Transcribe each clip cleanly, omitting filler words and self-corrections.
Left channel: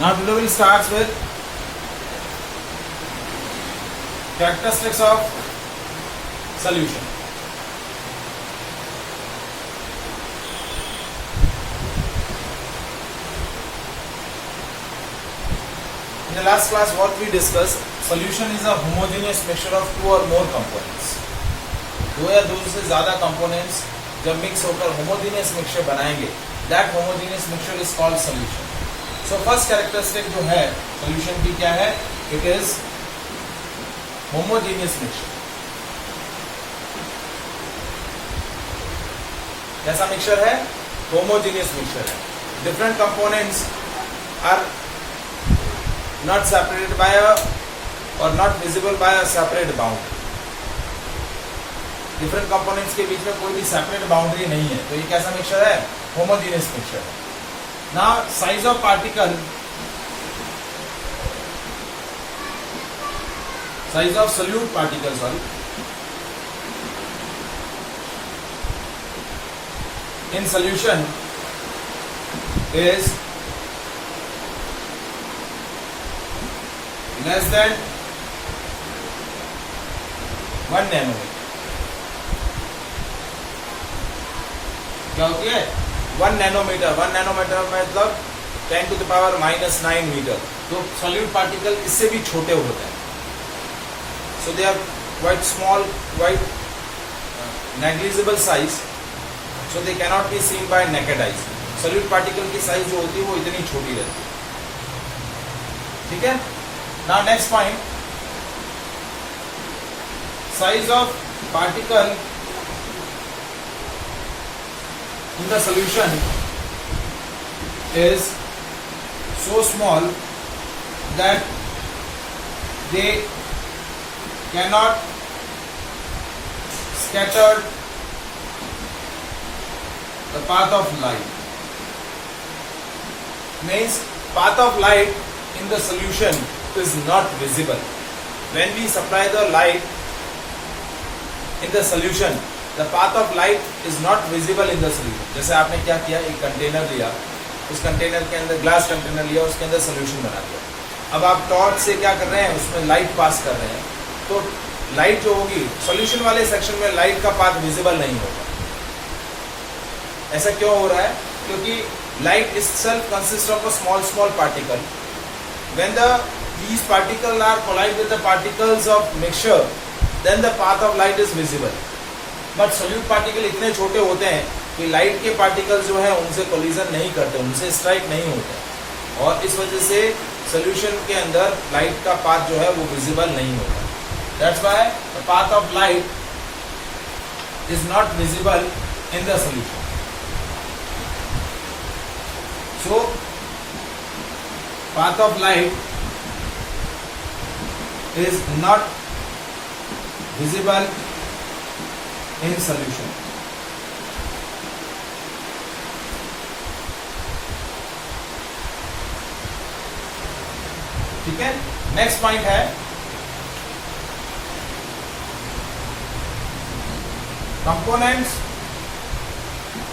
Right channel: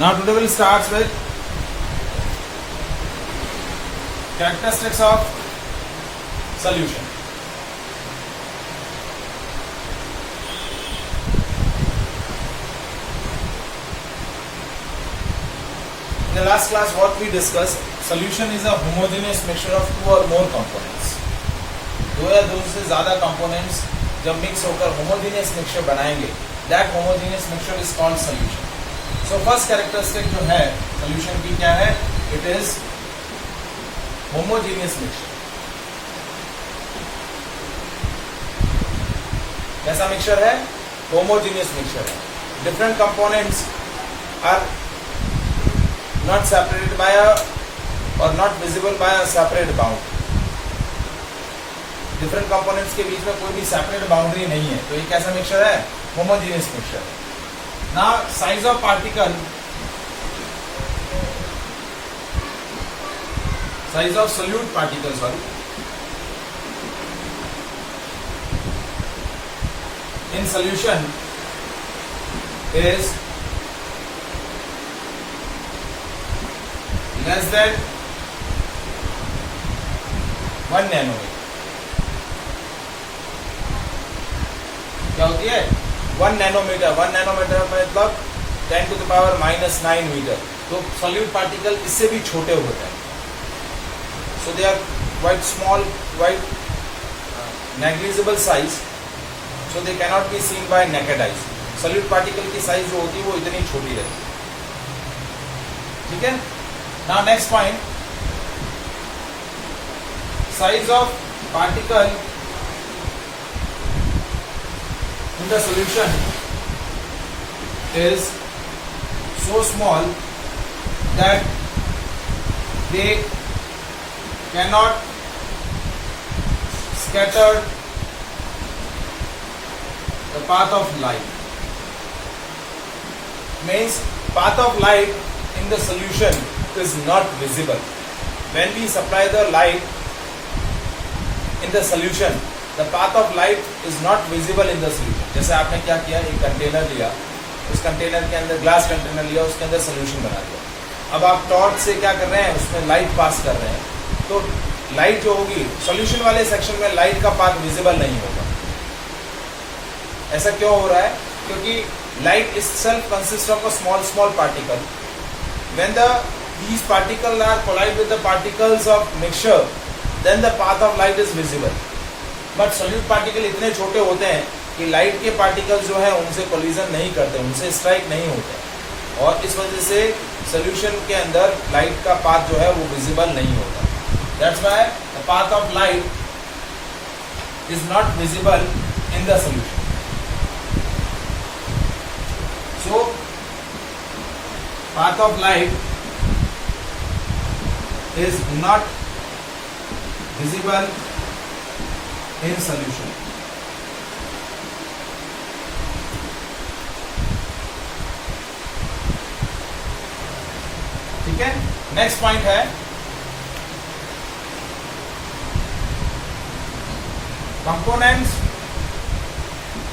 Now today we'll start with characteristics of solution. In the last class what we discussed, solution is a homogeneous mixture of two or more components. दो या दो से ज्यादा components जब mix होकर homogeneous mixture बनाएंगे, that homogeneous mixture is called solution. So first characteristic जो है solution की क्या है? It is homogeneous mixture. कैसा mixture है? Homogeneous mixture है. Different components are not separated by a or not visible by a separate bound. Different components के बीच में कोई भी separate boundary नहीं है, तो ये कैसा mixture है? Homogeneous mixture है. Now size of particle, size of solute particle, in solution is less than 1 nanometer. क्या होती है? 1 नैनोमीटर. 1 नैनोमीटर मतलब 10 to the power -9 मीटर. तो सॉल्यूट पार्टिकल इससे भी छोटे होते हैं. So they are quite small, quite negligible size, so they cannot be seen by naked eyes. Solute particle की साइज जो होती है वो इतनी छोटी रहती है. ठीक है. Now next point, size of particle in the solution is so small that they cannot scatter the path of light. Means path of light in the solution is not visible. When we supply the light in the solution, the path of light is not visible in the solution. जैसे आपने क्या किया, एक container लिया, उस container के अंदर glass container लिया, उसके अंदर सोल्यूशन बना दिया. अब आप टॉर्च से क्या कर रहे हैं, उसमें लाइट पास कर रहे हैं, तो लाइट जो होगी सोल्यूशन वाले सेक्शन में लाइट का पाथ विजिबल नहीं होगा. ऐसा क्यों हो रहा है? क्योंकि light itself consists of a small particle. When these particles are collide with the particles of mixture, then the path of light is visible. But solute particle इतने छोटे होते हैं कि लाइट के पार्टिकल्स जो है उनसे कोलिजन नहीं करते, उनसे स्ट्राइक नहीं होते, और इस वजह से सोल्यूशन के अंदर लाइट का पाथ जो है वो विजिबल नहीं होता. That's why the path of light is not visible in the solution. So path of light is not visible in solution. ठीक है. नेक्स्ट पॉइंट है components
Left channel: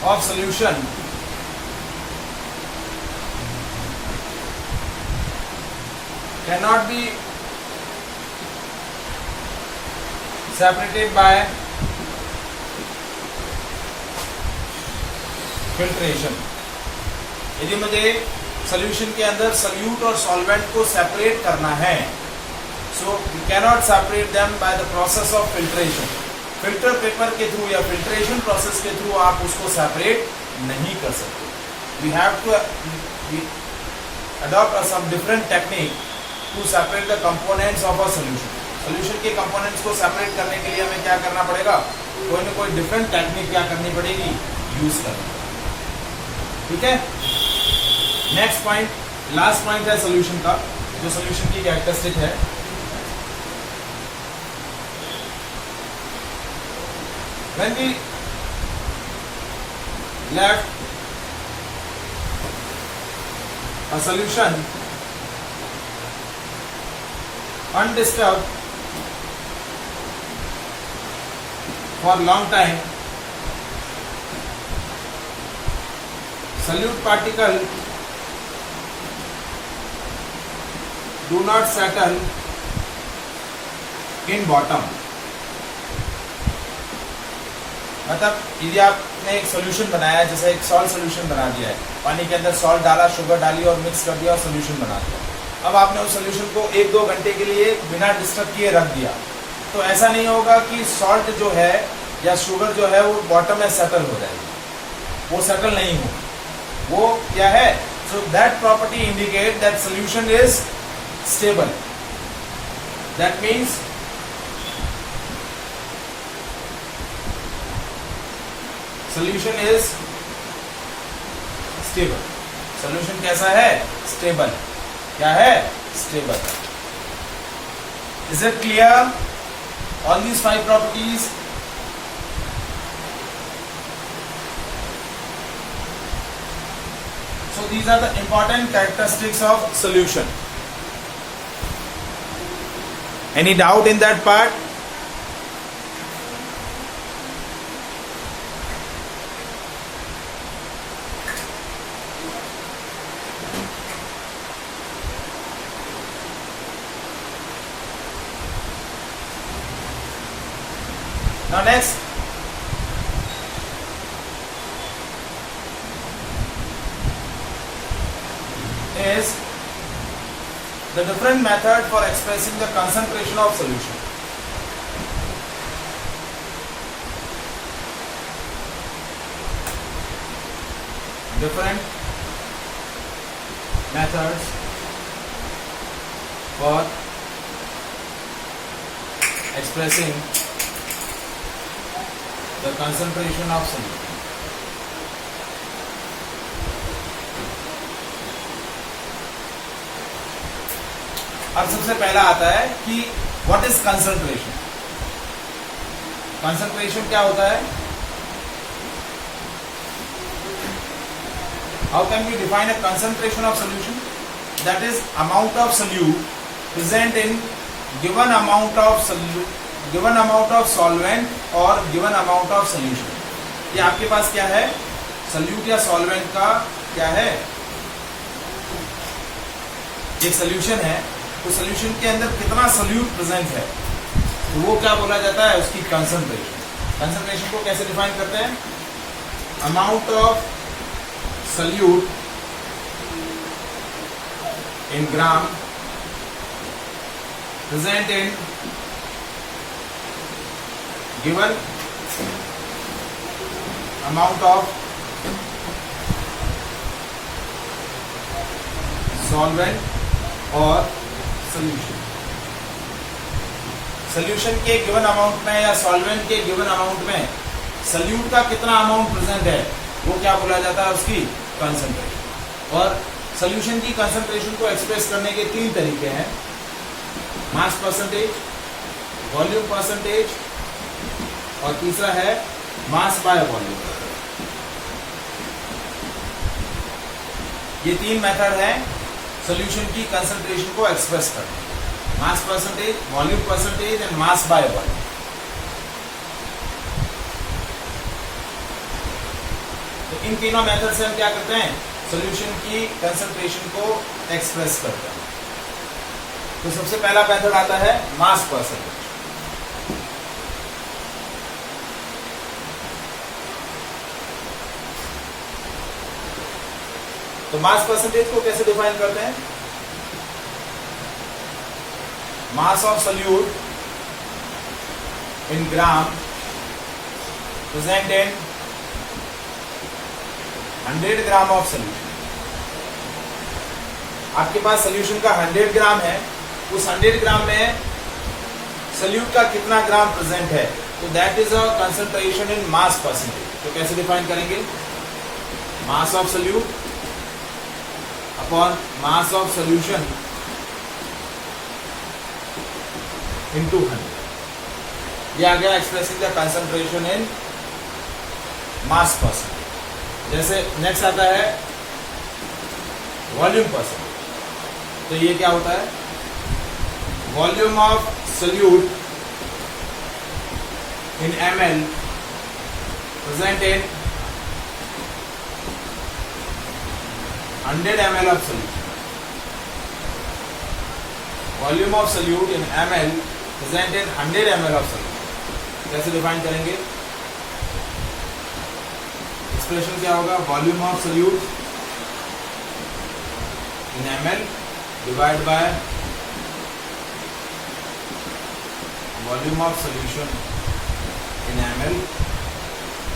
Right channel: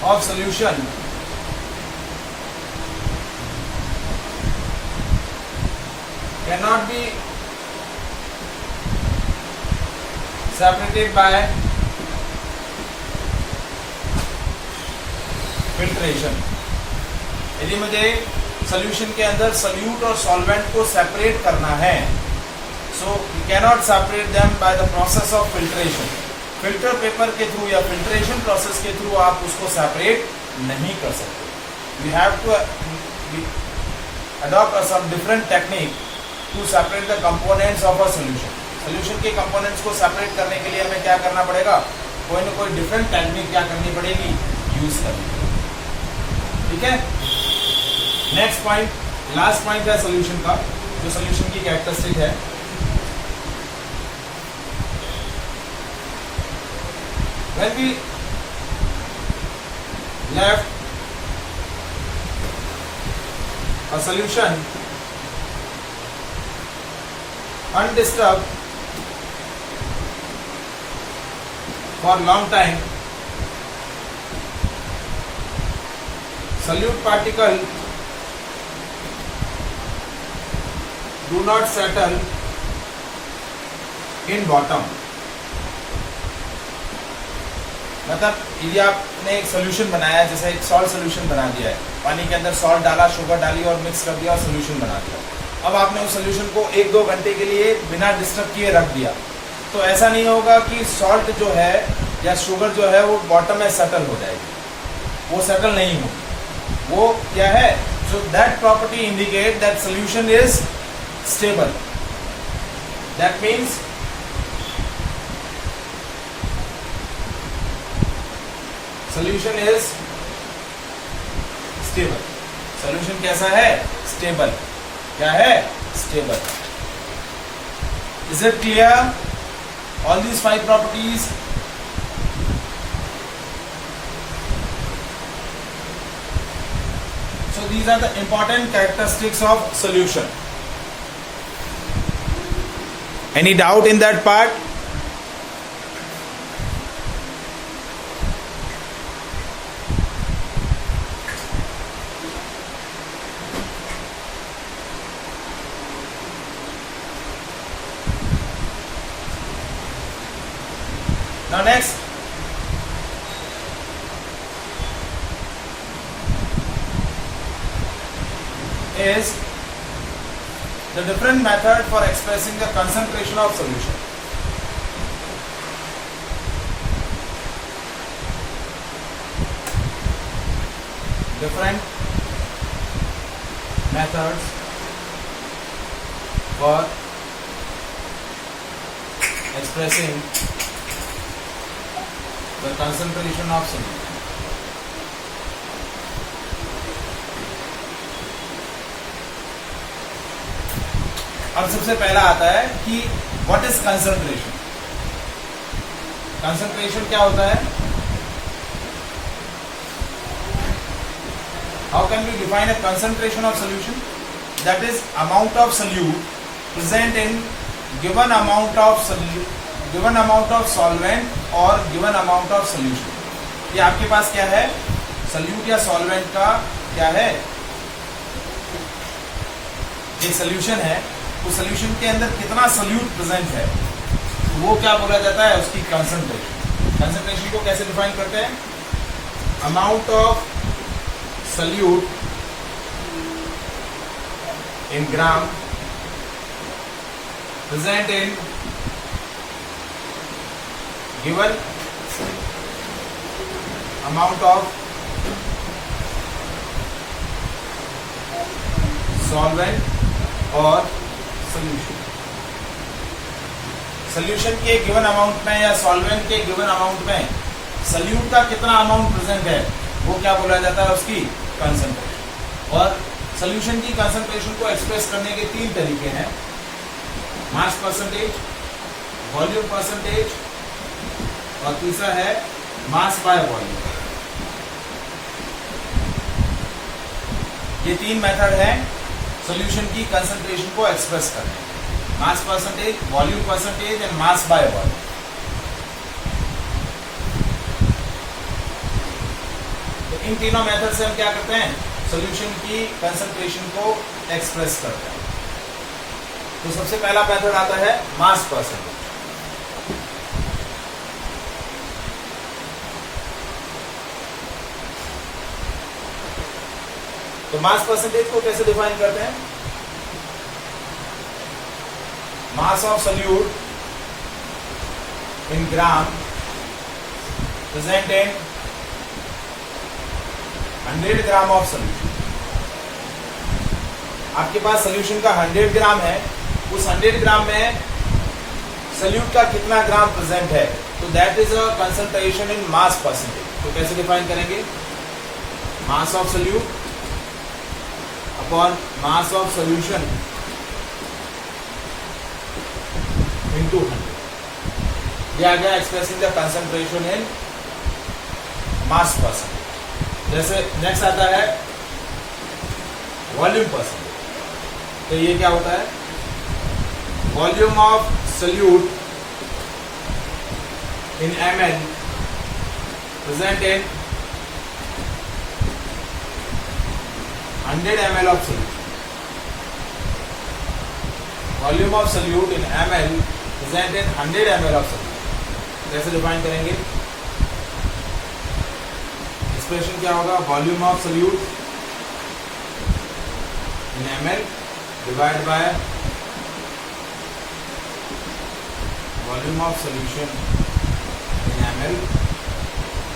of solution can not be separated by filtration. यदि मुझे solution के अंदर solute और solvent को separate करना है, so we cannot separate them by the process of filtration. Filter paper के थ्रू या फिल्ट्रेशन प्रोसेस के थ्रू आप उसको सेपरेट नहीं कर सकते. We have to adopt some different technique to separate the components of a solution. Solution के components को सेपरेट करने के लिए हमें क्या करना पड़ेगा? कोई ना कोई डिफरेंट टेक्निक क्या करनी पड़ेगी, यूज करनी. ठीक है. नेक्स्ट पॉइंट, लास्ट पॉइंट है सोल्यूशन का, जो सोल्यूशन की कैरेक्टरिस्टिक है. When we left a solution undisturbed for long time, solute particle do not settle in bottom. मतलब यदि आपने एक सोल्यूशन बनाया, जैसे एक सॉल्ट सोल्यूशन बना दिया है, पानी के अंदर सॉल्ट डाला, शुगर डाली और मिक्स कर दिया और सोल्यूशन बना दिया। अब आपने उस सोल्यूशन को 1-2 घंटे के लिए बिना डिस्टर्ब किए रख दिया, तो ऐसा नहीं होगा कि सॉल्ट जो है या शुगर जो है वो बॉटम में सेटल हो जाएगी, वो सेटल नहीं होगी। वो क्या है? So that property indicate that solution is stable. That means solution is stable. Solution कैसा है? स्टेबल। क्या है? Stable. Is it clear? All these 5 properties. So these are the important characteristics of solution. Any doubt in that part? Now next, is the different method for expressing the concentration of solution. Different methods for expressing the concentration of solution. अब सबसे पहला आता है कि what is concentration. Concentration क्या होता है? How can we define a concentration of solution? That is amount of solute present in given amount of solvent और गिवन अमाउंट ऑफ सोल्यूशन। ये आपके पास क्या है? सोल्यूट या सॉल्वेंट का क्या है? एक सोल्यूशन है, तो सोल्यूशन के अंदर कितना सोल्यूट प्रेजेंट है, तो वो क्या बोला जाता है? उसकी कंसंट्रेशन। कंसंट्रेशन को कैसे डिफाइन करते हैं? Amount of solute in gram present in given amount of solvent और सोल्यूशन। सोल्यूशन के गिवन अमाउंट में या सॉल्वेंट के गिवन अमाउंट में सोल्यूट का कितना अमाउंट प्रेजेंट है, वो क्या बोला जाता है? उसकी कंसंट्रेशन। और सोल्यूशन की कंसंट्रेशन को एक्सप्रेस करने के 3 तरीके हैं: मास परसेंटेज, वॉल्यूम परसेंटेज और तीसरा है मास बाय वॉल्यूम। ये 3 मेथड है सोल्यूशन की कंसंट्रेशन को एक्सप्रेस करने: mass percentage, volume percentage and mass by volume. तो इन तीनों मेथड से हम क्या करते हैं? सोल्यूशन की कंसंट्रेशन को एक्सप्रेस करते हैं। तो सबसे पहला मेथड आता है मास परसेंटेज। तो मास परसेंटेज को कैसे डिफाइन करते हैं? Mass of solute in gram present in 100 gram of solution. आपके पास सोल्यूशन का 100 ग्राम है, उस 100 ग्राम में सोल्यूट का कितना ग्राम प्रेजेंट है, तो that is a concentration in mass percentage. तो कैसे डिफाइन करेंगे? Mass of solute upon mass of solution into 100। यह आ गया expressing the concentration in mass percentage. जैसे नेक्स्ट आता है वॉल्यूम परसेंटेज। तो ये क्या होता है? Volume of solute in ml present in 100 ml of solution। Volume of solute in ml present in 100 ml of solute. कैसे डिफाइन करेंगे? एक्सप्रेशन क्या होगा? Volume of solute in ml divide by volume of solution in ml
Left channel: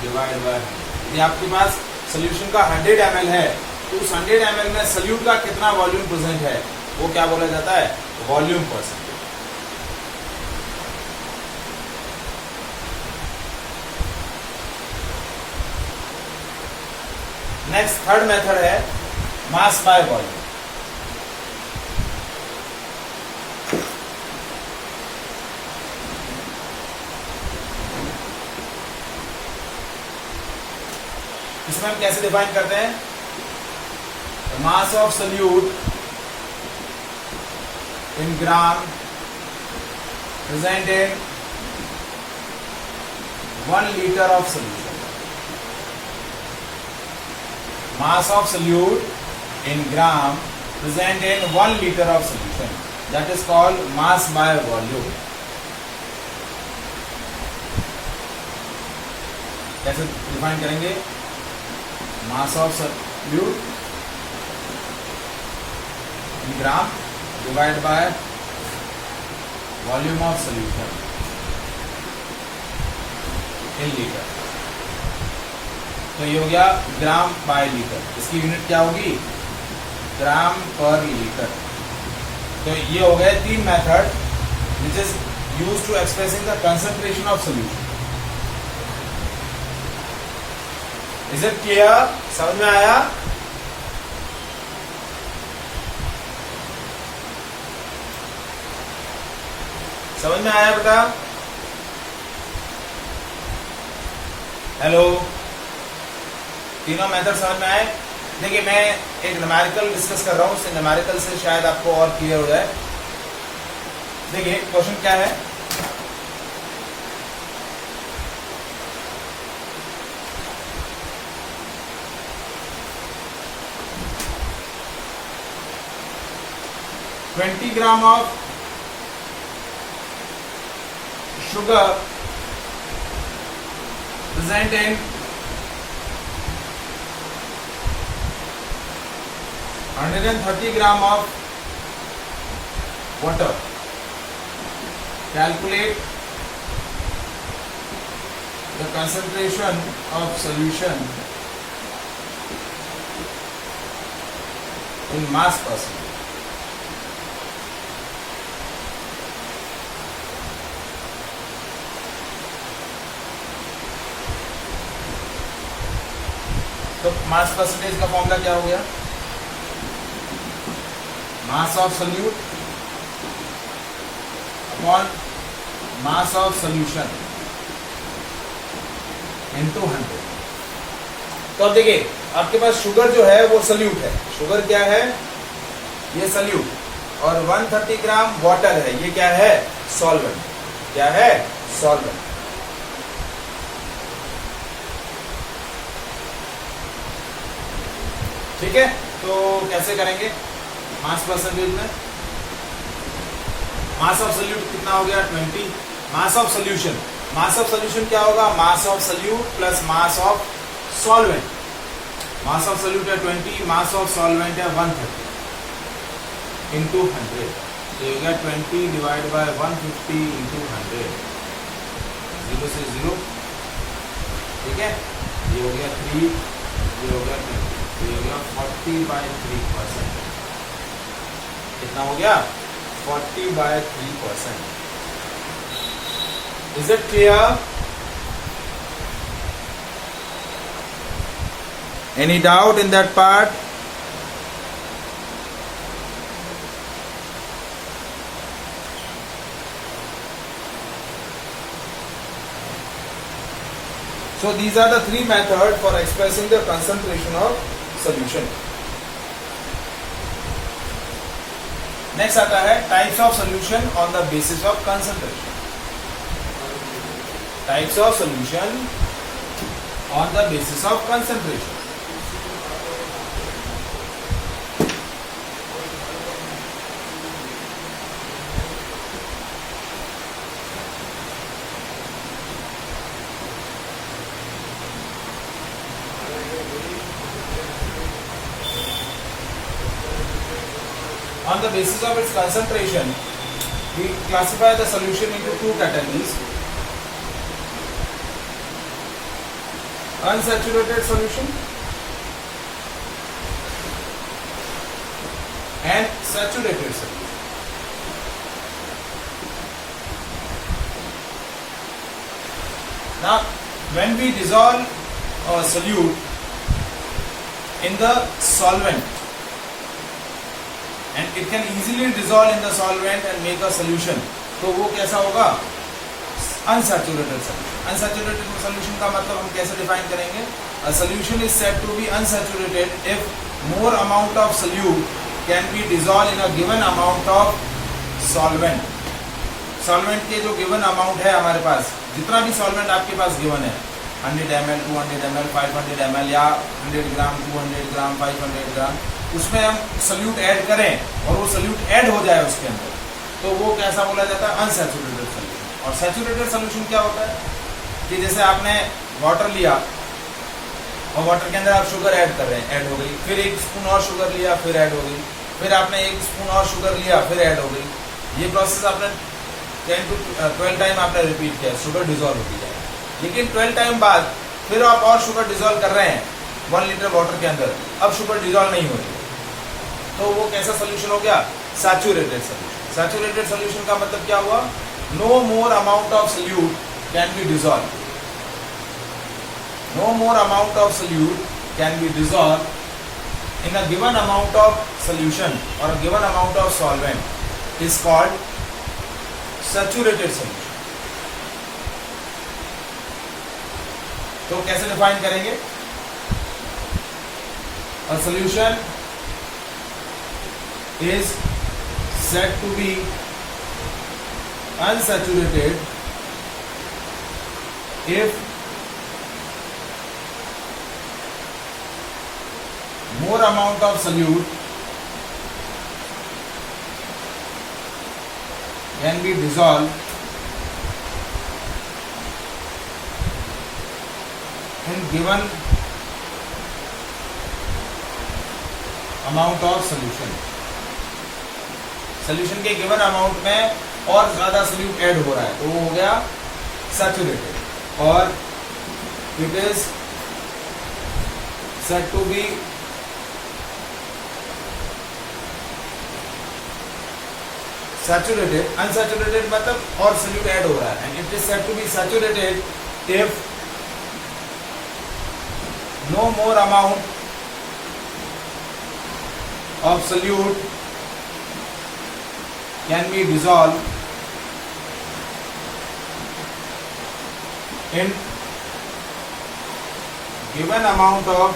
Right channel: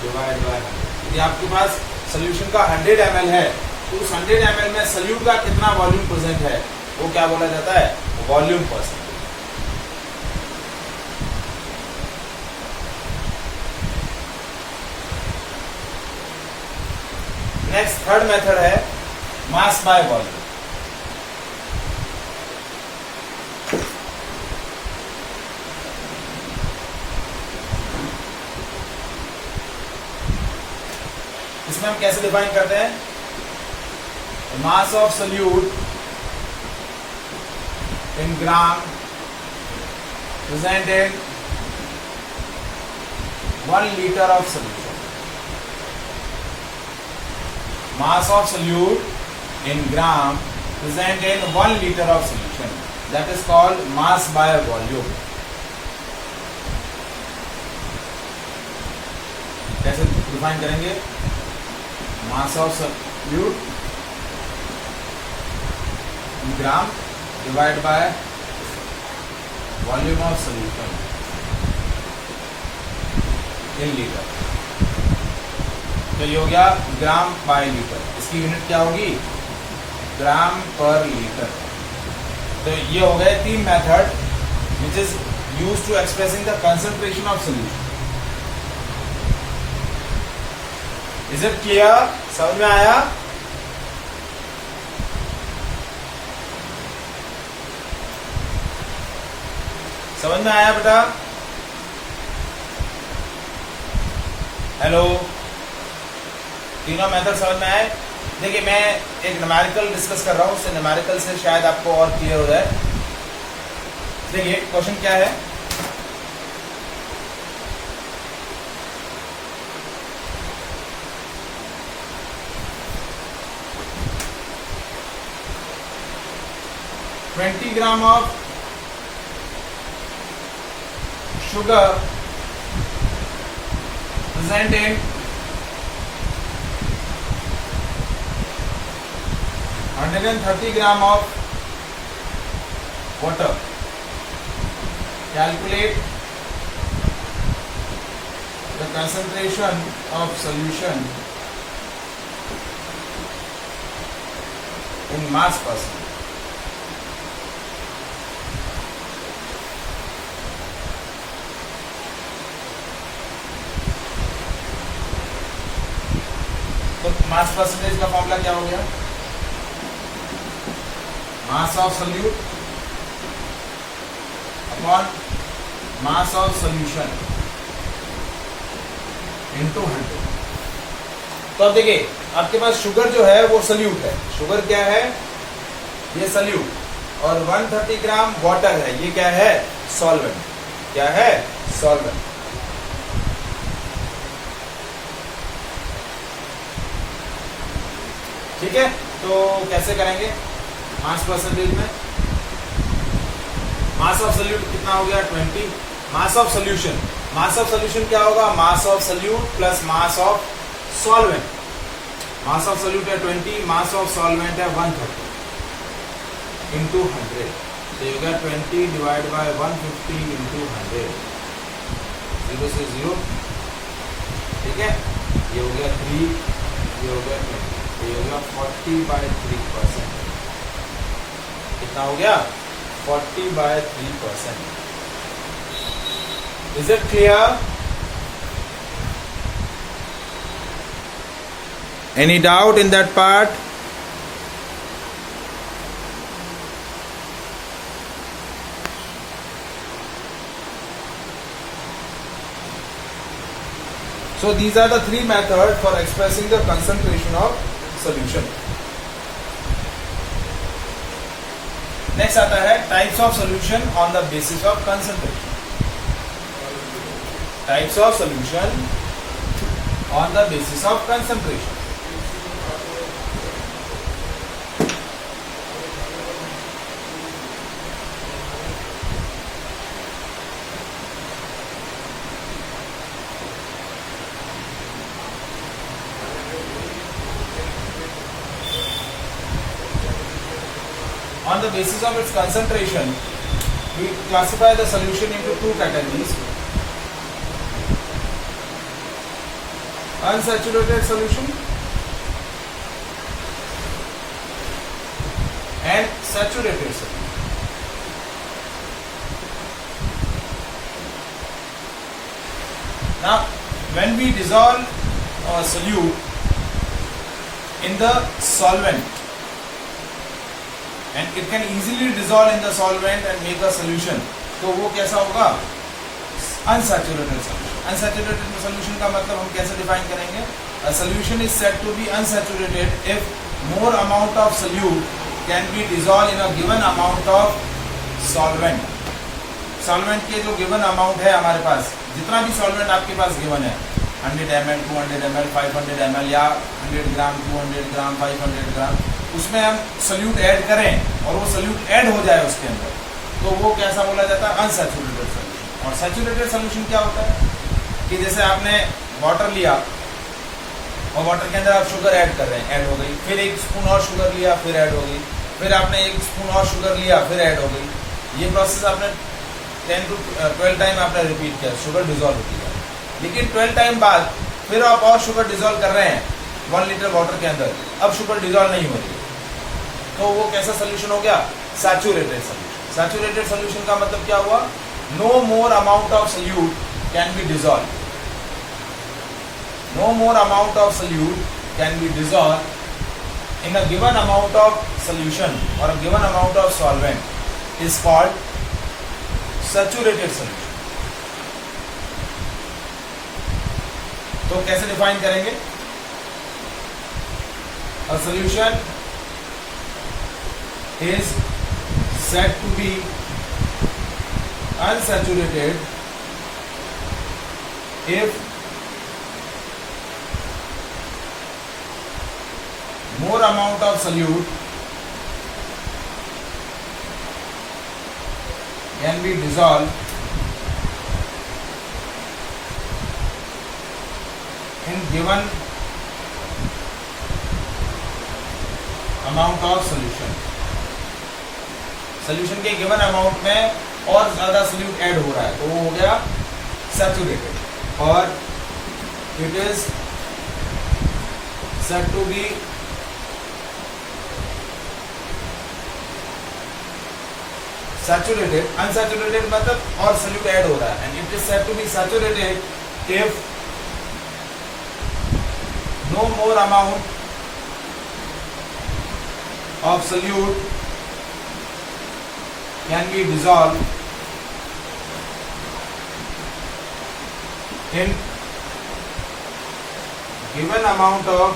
divide by 100। यदि आपके पास solution का 100 ml है तो उस 100 ml में सॉल्यूट का कितना वॉल्यूम प्रेजेंट है वो क्या बोला जाता है? Volume percent. Next third method है मास बाय वॉल्यूम। इसमें हम कैसे डिफाइन करते हैं? Mass of solute in gram present in 1 liter of solution. Mass of solute in gram present in 1 liter of solution. That is called mass by volume. कैसे define करेंगे? Mass of solute in gram divide by volume of solution in litre. तो ये हो गया ग्राम bye litre. इसकी unit क्या होगी? ग्राम पर लीटर। तो ये हो गए 3 method which is used to expressing the concentration of solution. Is it clear? समझ में आया? समझ में आया बेटा? हेलो, तीनों मेथड समझ में आए? देखिए मैं एक न्यूमेरिकल डिस्कस कर रहा हूं, उससे न्यूमेरिकल से शायद आपको और क्लियर हो जाए। देखिए क्वेश्चन क्या है? $20 grams of sugar present in 130 grams of water. Calculate the concentration of solution in mass percent. तो मास परसेंटेज का फॉर्मूला क्या हो गया? Mass of solute upon mass of solution into 100। तो अब देखिए आपके पास शुगर जो है वो सॉल्यूट है। शुगर क्या है? ये सॉल्यूट। और 130 ग्राम वाटर है, ये क्या है? सॉल्वेंट। क्या है? सॉल्वेंट। ठीक है, तो कैसे करेंगे? मास परसेंटेज में मास ऑफ सॉल्यूट कितना हो गया? 20। Mass of solution, mass of solution क्या होगा? Mass of solute plus mass of solvent. Mass of solute है 20, मास ऑफ सॉल्वेंट है 130 इंटू 100। तो ये हो गया 20 डिवाइड बाय 150 इंटू 100। 0 से 0। ठीक है, ये हो गया 3, ये हो गया 20, ये हो गया 40/3%। कितना हो गया? 40/3%। Is it clear? Any doubt in that part? So these are the 3 methods for expressing the concentration of solution. Next आता है types of solution on the basis of concentration. Types of solution on the basis of concentration. on the basis of its concentration, we classify the solution into two categories: unsaturated solution and saturated solution. Now, when we dissolve a solute in the solvent, and it can easily dissolve in the solvent and make a solution, तो वो कैसा होगा? Unsaturated solution. Unsaturated solution का मतलब हम कैसे define करेंगे? A solution is said to be unsaturated if more amount of solute can be dissolved in a given amount of solvent. Solvent के जो गिवन अमाउंट है हमारे पास, जितना भी सॉल्वेंट आपके पास गिवन है, 100 ml, 200 ml, 500 ml या 100 ग्राम, 200 ग्राम, 500 ग्राम, उसमें हम सल्यूट ऐड करें और वो सल्यूट ऐड हो जाए उसके अंदर, तो वो कैसा बोला जाता है? Unsaturated solution. और सैचुरेटेड सोल्यूशन क्या होता है कि जैसे आपने वाटर लिया और वाटर के अंदर आप शुगर ऐड कर रहे हैं, ऐड हो गई, फिर एक स्पून और शुगर लिया, फिर ऐड हो गई, फिर आपने एक स्पून और शुगर लिया, फिर ऐड हो गई। ये प्रोसेस आपने 10 to 12 टाइम आपने रिपीट किया, शुगर डिजोल्व होती है। लेकिन 12 टाइम बाद फिर आप और शुगर डिजोल्व कर रहे हैं 1 लीटर वाटर के अंदर, अब शुगर डिजोल्व नहीं हो रही है, तो वो कैसा सोल्यूशन हो गया? Saturated solution. सैचुरेटेड सोल्यूशन का मतलब क्या हुआ? No more amount of solute can be dissolve, no more amount of solute can be dissolve in a given amount of solution और a given amount of solvent is called saturated solution. तो कैसे define करेंगे? A solution is said to be unsaturated if more amount of solute can be dissolved in given amount of solution. Solution के given amount में और ज्यादा solute add हो रहा है, तो वो हो गया सैचुरेटेड। और it is said to be saturated. Unsaturated मतलब और सोल्यूट ऐड हो रहा है, and it is said to be saturated if no more amount of solute can be dissolved in given amount of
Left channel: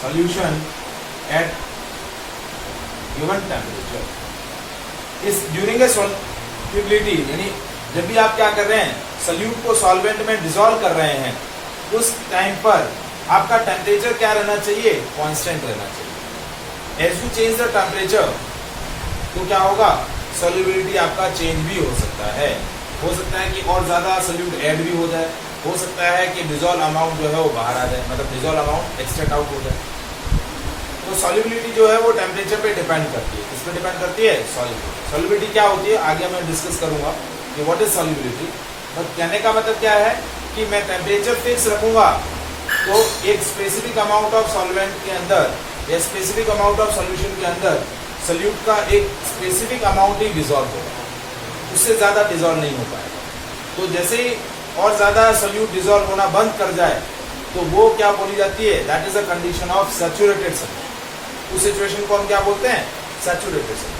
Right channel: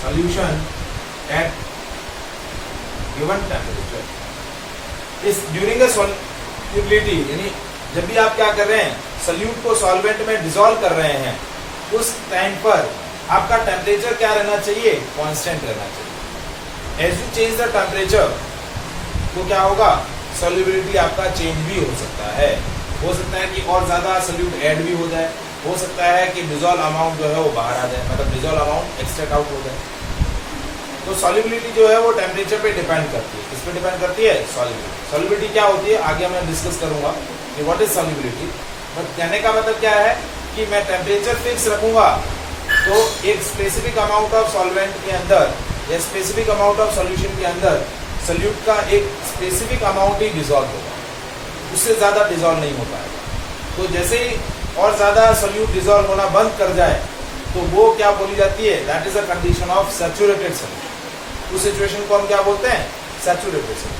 solution at given temperature। इस during a solubility, यानी जब भी आप क्या कर रहे हैं, सल्यूट को सॉल्वेंट में डिसॉल्व कर रहे हैं, उस टाइम पर आपका टेम्परेचर क्या रहना चाहिए? कांस्टेंट रहना चाहिए। As you change the temperature तो क्या होगा? सॉल्युबिलिटी आपका चेंज भी हो सकता है। हो सकता है कि और ज्यादा सॉल्यूट ऐड भी हो जाए, हो सकता है कि डिसॉल्व अमाउंट जो है वो बाहर आ जाए, मतलब डिसॉल्व अमाउंट एक्सट्रैक्ट आउट हो जाए। तो सॉल्युबिलिटी जो है वो टेम्परेचर पे डिपेंड करती है। किस पे डिपेंड करती है? सॉल्युबिलिटी। सॉल्युबिलिटी क्या होती है आगे मैं डिस्कस करूंगा कि व्हाट इज सॉल्युबिलिटी। बट कहने का मतलब क्या है कि मैं टेम्परेचर फिक्स रखूंगा तो एक स्पेसिफिक अमाउंट ऑफ सॉल्वेंट के अंदर या स्पेसिफिक अमाउंट ऑफ सॉल्यूशन के अंदर सॉल्यूट का एक स्पेसिफिक अमाउंट ही डिसॉल्व होगा, उससे ज्यादा डिसॉल्व नहीं हो पाएगा। तो जैसे ही और ज्यादा सॉल्यूट डिसॉल्व होना बंद कर जाए तो वो क्या बोली जाती है? That is a condition of saturated solution. उस सिचुएशन को हम क्या बोलते हैं? Saturated solution.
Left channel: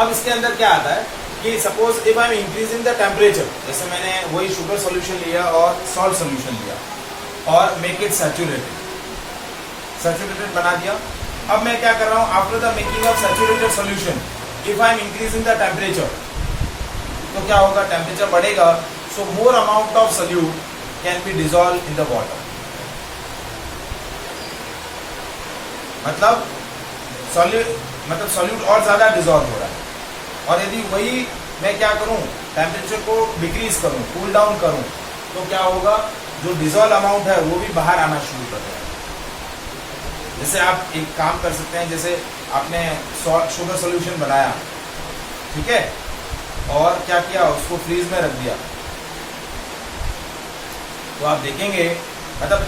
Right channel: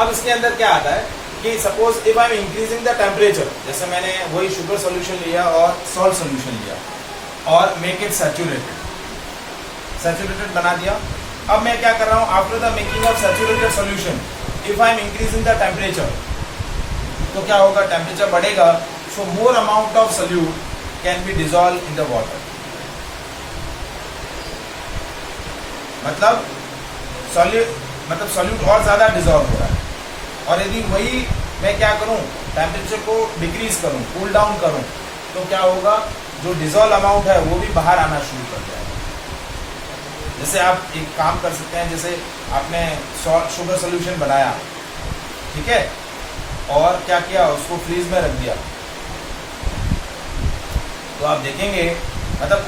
अब इसके अंदर क्या आता है कि suppose if I am increasing the temperature, जैसे मैंने वही शुगर सॉल्यूशन लिया और सॉल्ट सॉल्यूशन लिया और मेक इट सैचुरेटेड, सैचुरेटेड बना दिया। अब मैं क्या कर रहा हूं? After the making of saturated solution, if I am increasing the temperature, तो क्या होगा? टेम्परेचर बढ़ेगा, so more amount of solute can be dissolve in the water. मतलब सॉल्यूट और ज्यादा डिसॉल्व हो रहा है। और यदि वही मैं क्या करूं? टेम्परेचर को डिक्रीज करूं, कूल डाउन करूं, तो क्या होगा? जो डिजोल्व अमाउंट है वो भी बाहर आना शुरू कर जाएगा। जैसे आप एक काम कर सकते हैं, जैसे आपने शुगर सोल्यूशन बनाया, ठीक है, और क्या किया, उसको फ्रीज में रख दिया, तो आप देखेंगे मतलब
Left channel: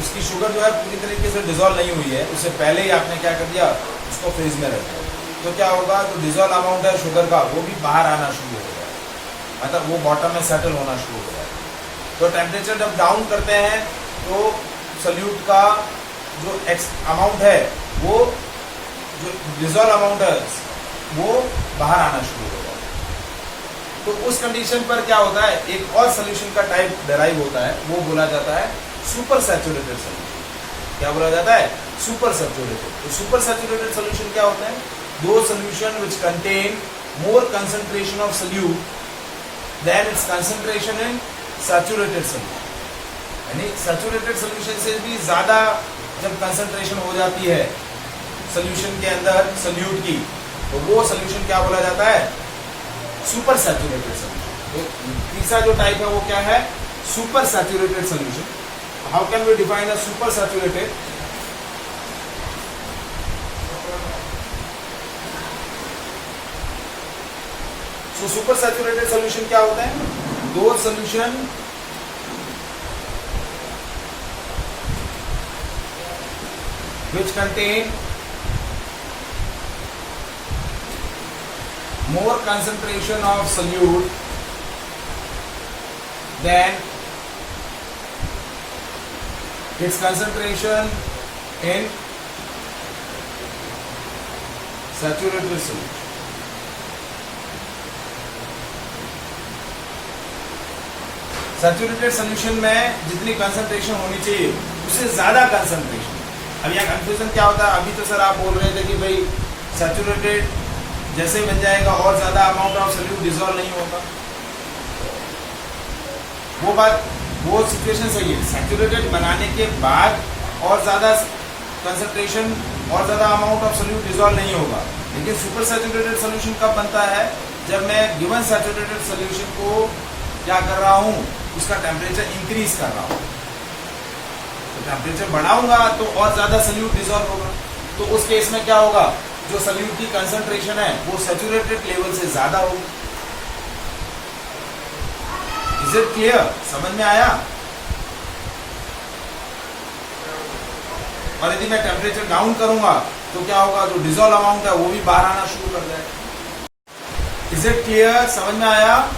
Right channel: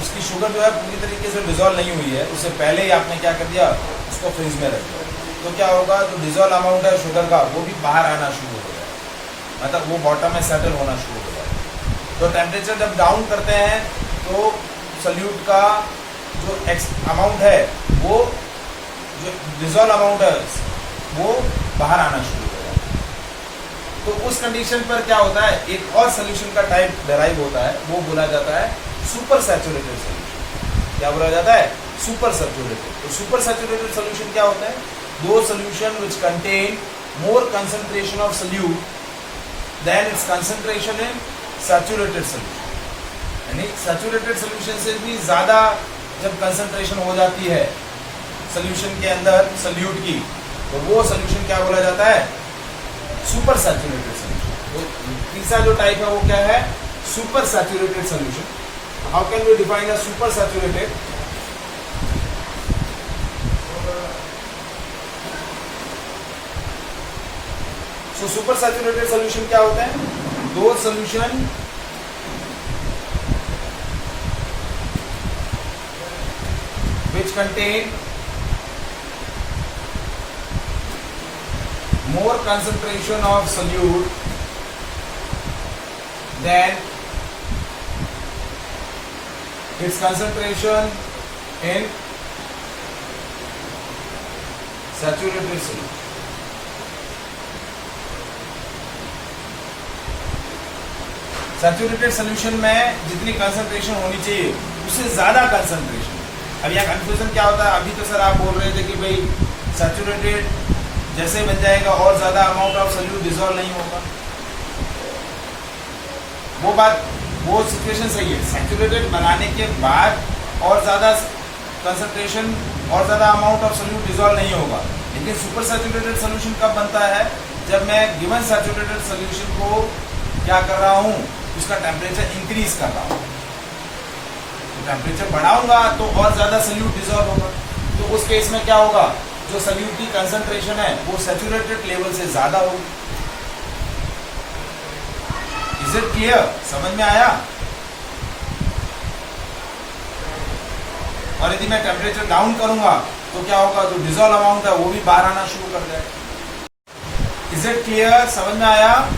उसकी शुगर जो है पूरी तरीके से डिजोल्व नहीं हुई है, उससे पहले ही आपने क्या कर दिया, उसको फ्रीज में रख दिया, तो क्या होगा, जो डिजोल्व अमाउंट है शुगर का वो भी बाहर आना शुरू हो जाएगा, मतलब वो बॉटम में सेटल होना शुरू हो जाएगा। तो टेम्परेचर जब डाउन करते हैं तो सोल्यूट का जो अमाउंट है, वो जो डिजोल्व अमाउंट है वो बाहर आना शुरू हो जाएगा। तो उस कंडीशन पर क्या होता है, एक और सोल्यूशन का टाइप डेराइव होता है, वो बोला जाता है सुपर सैचुरेटेड सोल्यूशन। क्या बोला जाता है, सुपर सैचुरेटेड। तो सुपर सैचुरेटेड सोल्यूशन क्या होता है, those solution which contain more concentration of solute than its concentration in saturated solution. यानी सैचुरेटेड सोल्यूशन से भी ज्यादा जब कंसंट्रेशन हो जाती है सोल्यूशन के अंदर सोल्यूट की, तो वो सोल्यूशन क्या बोला जाता है, सुपर सैचुरेटेड सोल्यूशन। तो तीसरा जो टाइप है वो क्या है, super saturated solution. How can we define a super saturated, so super saturated solution क्या होता है, those solution which contain more concentration of solute than its concentration in saturated solute. Saturated solution में जितनी concentration होनी चाहिए उससे ज्यादा concentration. अब यहाँ कंफ्यूजन क्या होता है, अभी तो सर आप बोल रहे थे कि भाई सैचुरेटेड जैसे बन जाएगा और ज्यादा अमाउंट ऑफ सोल्यूट डिसॉल्व नहीं होगा, वो बात, वो सिचुएशन सही है। सैचुरेटेड बनाने के बाद और ज्यादा कंसंट्रेशन और ज्यादा अमाउंट ऑफ सोल्यूट डिसॉल्व नहीं होगा, लेकिन सुपर सैचुरेटेड सोल्यूशन कब बनता है, जब मैं गिवन सैचुरेटेड सोल्यूशन को क्या कर रहा हूं, उसका टेम्परेचर इंक्रीज कर रहा हूं। तो टेम्परेचर बढ़ाऊंगा तो और ज्यादा सोल्यूट डिसॉल्व होगा, तो उस केस में क्या होगा, जो सोल्यूट की कंसंट्रेशन है वो सैचुरेटेड लेवल से ज्यादा होगी। इज इट क्लियर, समझ में आया? और यदि मैं टेम्परेचर डाउन करूंगा तो क्या होगा, जो डिसॉल्व अमाउंट है वो भी बाहर आना शुरू कर जाएगा। इज इट क्लियर, समझ में आया?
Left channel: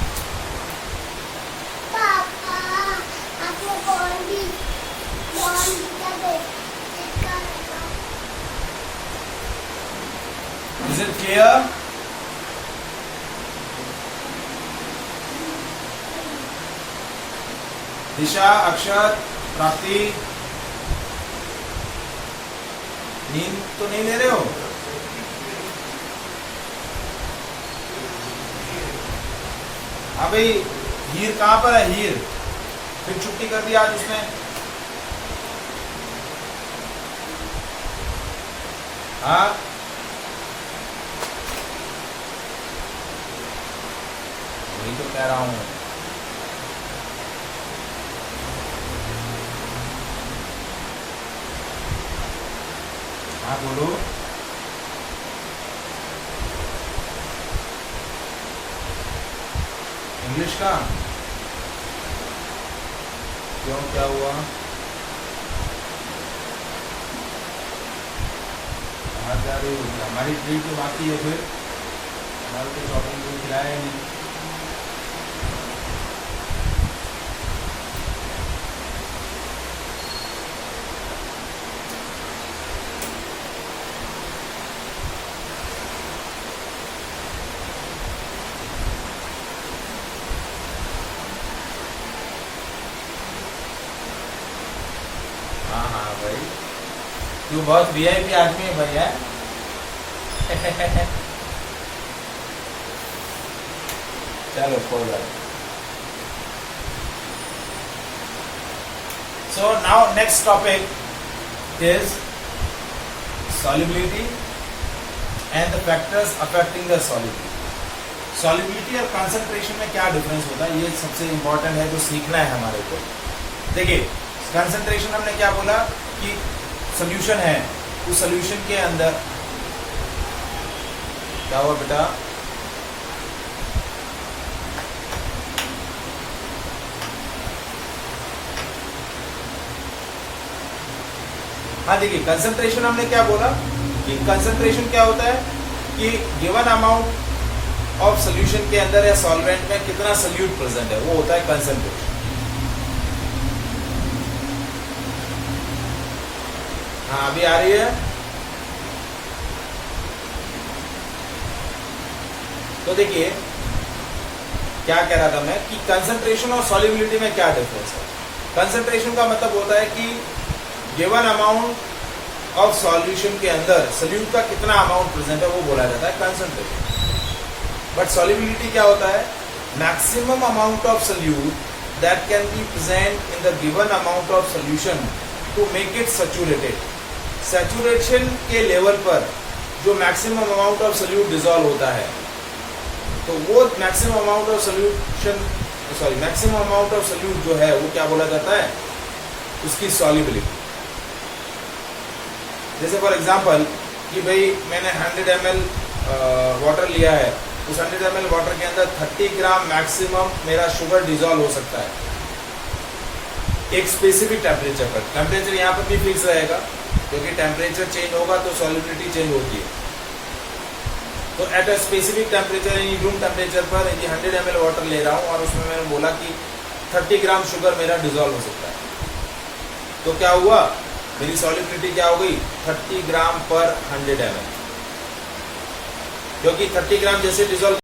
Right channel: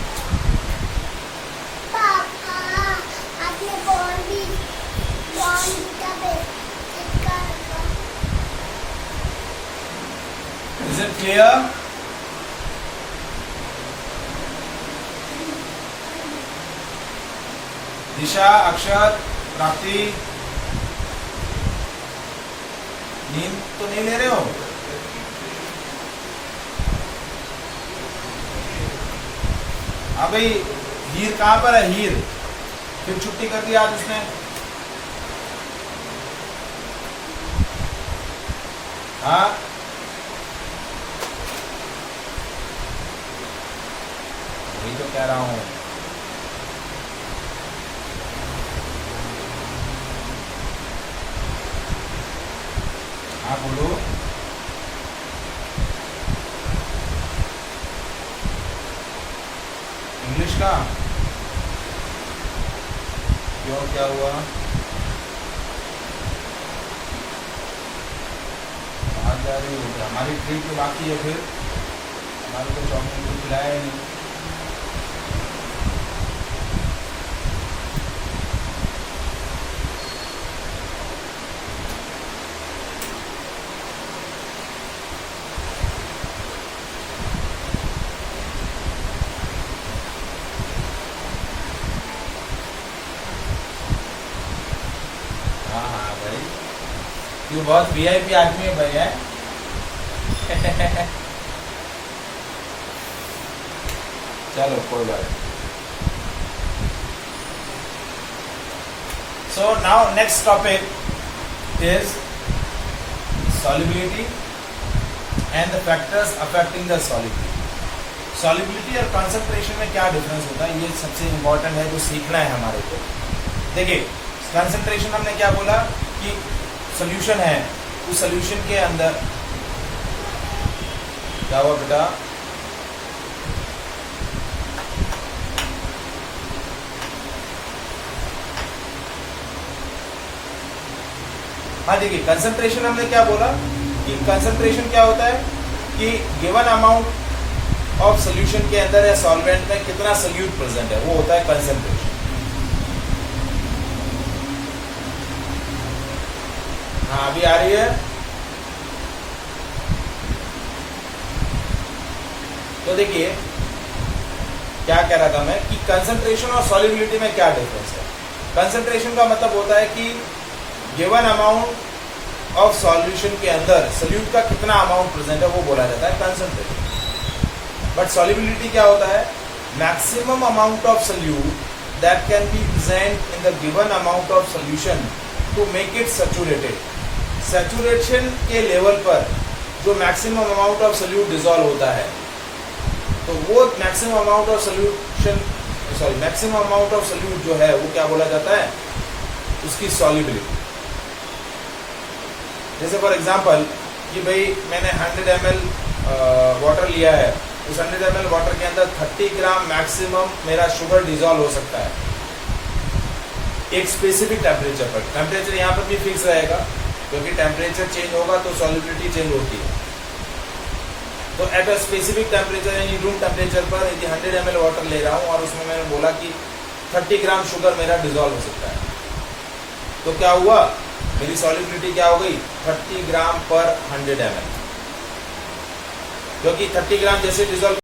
Is it clear? दिशा, अक्षर, प्राप्ति, नींद तो नहीं ले रहे हो? हाँ भाई, हीर कहाँ पर है? हीर फिर छुट्टी कर दी आज उसने। हाँ, वही तो कह रहा हूं। हाँ बोलो। इंग्लिश का क्यों, क्या हुआ? कहाँ जा रही हो? हमारी ट्रिप तो बाकी है, फिर हमारे तो शॉपिंग भी खिलाया नहीं। हाँ हाँ भाई, तू बहुत वीआईपी आदमी है भाई, है? चलो कोई बात नहीं। So now next topic is solubility and the factors affecting the solubility. Solubility और concentration में क्या डिफरेंस होता है, ये सबसे इम्पोर्टेंट है जो सीखना है हमारे को। देखिए कंसंट्रेशन हमने क्या बोला कि सोल्यूशन है, उस सोल्यूशन के अंदर क्या हुआ बेटा, हाँ देखिए कंसंट्रेशन हमने क्या बोला कि कंसंट्रेशन क्या होता है कि गिवन अमाउंट ऑफ सोल्यूशन के अंदर या सॉल्वेंट में कितना सोल्यूट प्रेजेंट है, वो होता है कंसंट्रेशन। हाँ अभी आ रही है। तो देखिए क्या कह रहा था मैं कि कंसंट्रेशन और सॉल्युबिलिटी में क्या डिफरेंस है। कंसंट्रेशन का मतलब होता है कि गिवन अमाउंट ऑफ सॉल्यूशन के अंदर सोल्यूट का कितना अमाउंट प्रेजेंट है वो बोला जाता है कंसंट्रेशन। बट सॉल्युबिलिटी क्या होता है, maximum amount of solute that can be present in the given amount of solution to make it saturated. Saturation के लेवल पर जो maximum amount of solute dissolve होता है, तो वो maximum amount of maximum amount of solute जो है वो क्या बोला जाता है, उसकी सॉल्युबिलिटी। जैसे फॉर एग्जांपल कि भाई मैंने 100 ml वाटर लिया है, उस 100 ml वाटर के अंदर 30 ग्राम मैक्सिमम मेरा शुगर डिसॉल्व हो सकता है एक स्पेसिफिक टेम्परेचर पर। टेम्परेचर यहाँ पर भी फिक्स रहेगा क्योंकि टेम्परेचर चेंज होगा तो सॉल्युबिलिटी चेंज होती है। तो एट अ स्पेसिफिक टेम्परेचर यानी रूम टेम्परेचर पर यदि 100 ml वाटर ले रहा हूँ और उसमें मैंने बोला कि 30 ग्राम शुगर मेरा डिसॉल्व हो सकता है, तो क्या हुआ, मेरी सॉल्युबिलिटी क्या हो गई, 30 ग्राम पर 100 ml। क्योंकि 30 ग्राम जैसे डिसॉल्व